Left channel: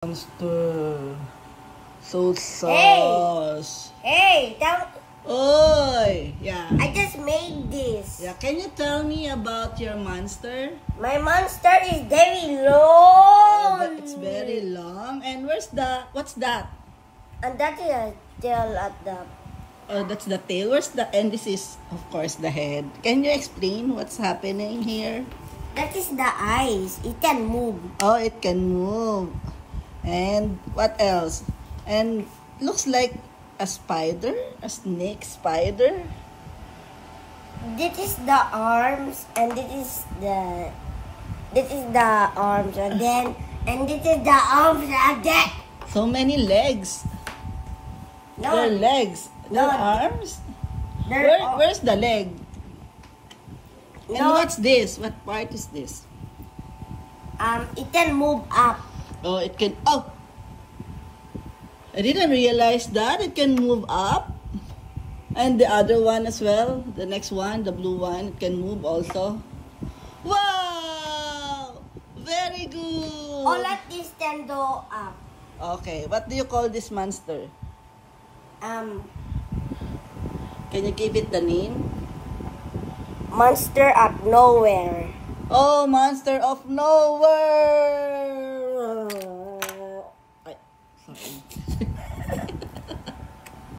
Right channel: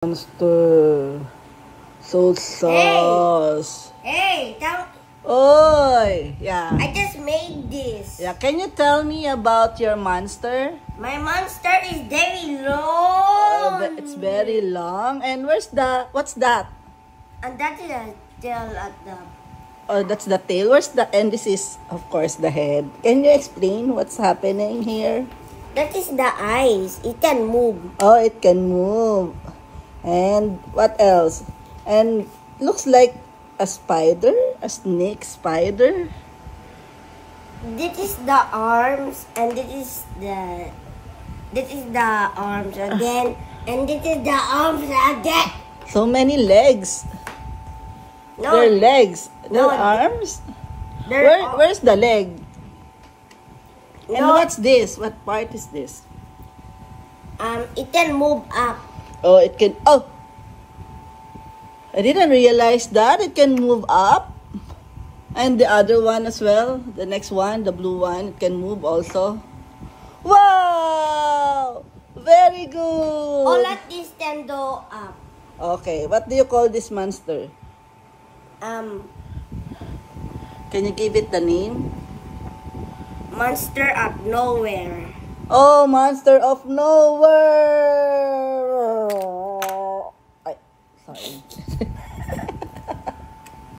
Monster. So sauce. Hey, Oi, yeah. I just made this. Yeah, can you tell me about your monster? My monster is very long. It's very long. And what's that? And that is a tail at the... Oh, that's the tail. And this is, of course, the head. Can you explain what's happening here? That is the eyes. It can move. Oh, it can move. And what else? And looks like a spider, a snake spider. This is the arms, and this is the arms again, and this is the arms again. So many legs. No, They're legs. They're No, arms. they're Where's the leg? And No. what's this? What part is this? It can move up. Oh, it can. Oh, I didn't realize that it can move up. And the other one as well. The next one, the blue one, it can move also. Wow! Very good. All of these can go up. Okay, what do you call this monster? Can you give it the name? Monster of nowhere. Oh, monster of nowhere. Ay, sorry.